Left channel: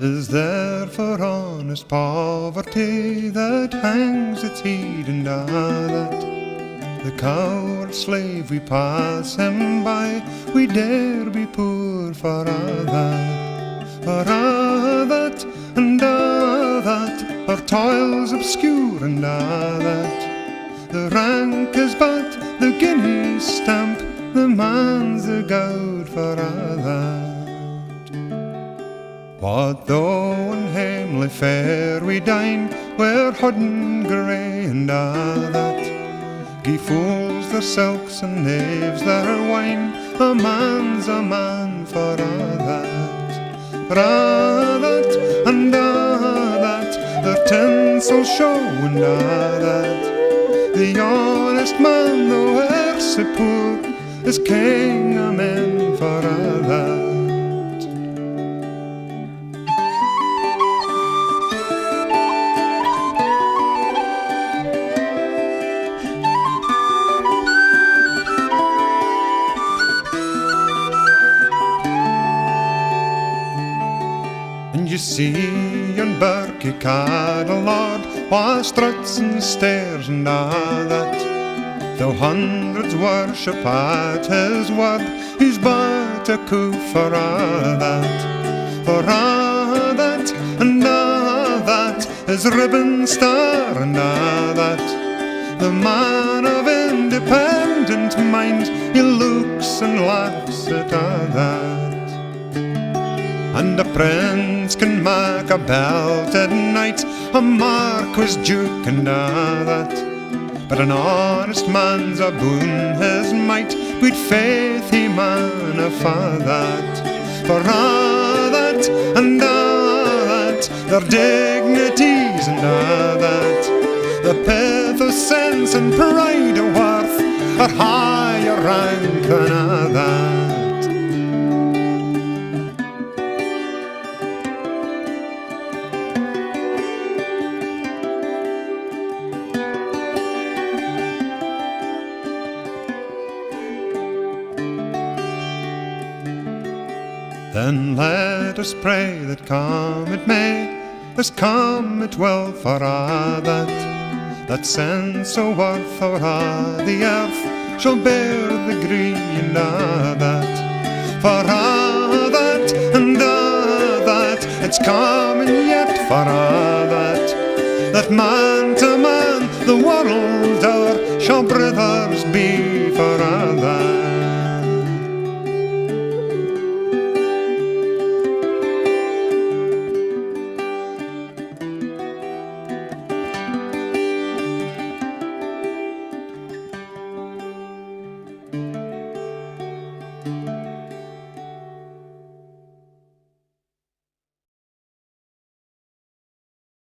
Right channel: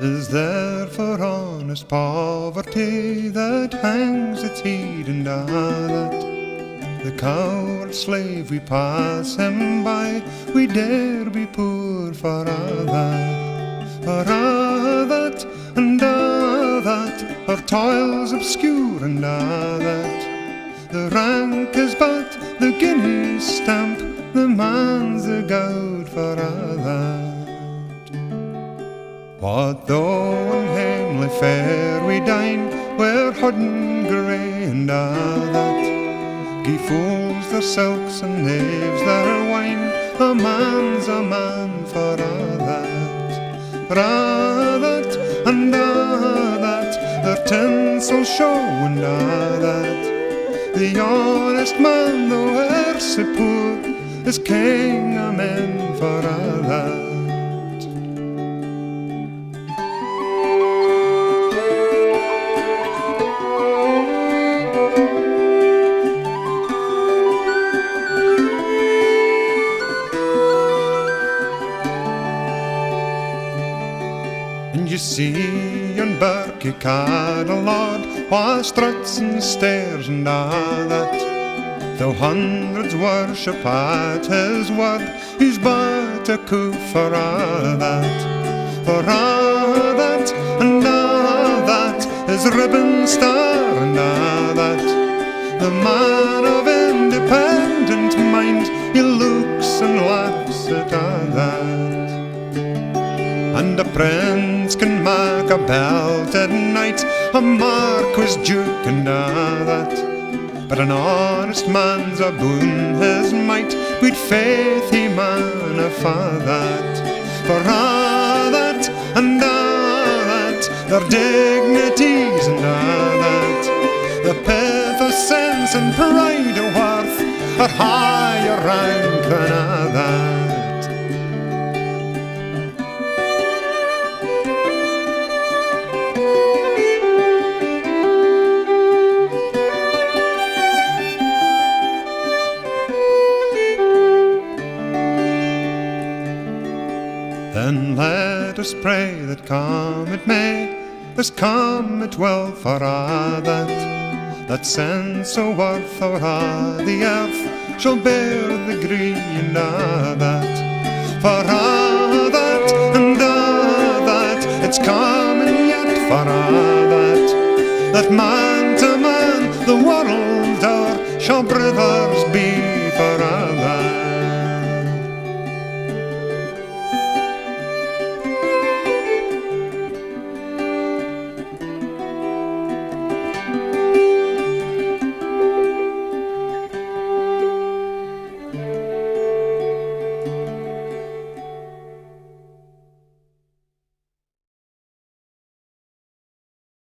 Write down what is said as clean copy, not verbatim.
Is there for honest poverty that hangs its head and that the coward slave we pass him by, we dare be poor for that, and that, our toils obscure and that, the rank is but the guinea stamp, the man's the gowd for that. What though in hamely fare we dine, where hodden grey and that, gie fools their silks and knaves their wine, a man's a man for that, and that, their tinsel show and that, the honest man though e'er sae poor, is king o' men for that. And you see yon Birkie Caddle Lord, wha struts and stares and that, though hundreds worship at his word, he's but a coup for that, and that, his ribbon star and that, the man of independent mind, he looks and laughs at that. And a prince can mak a belted knight, a marquis, duke, and that, but an honest man's aboon his might, we'd faith he man a fa that, for that, and that, their dignities and that, the pith of sense and pride of worth, are higher rank than that. Then let us pray that come it may, as come it will for that sense o' worth o'er the earth shall bear the green that, for that, and that, it's coming yet for that man to man the world o'er shall brothers be for that.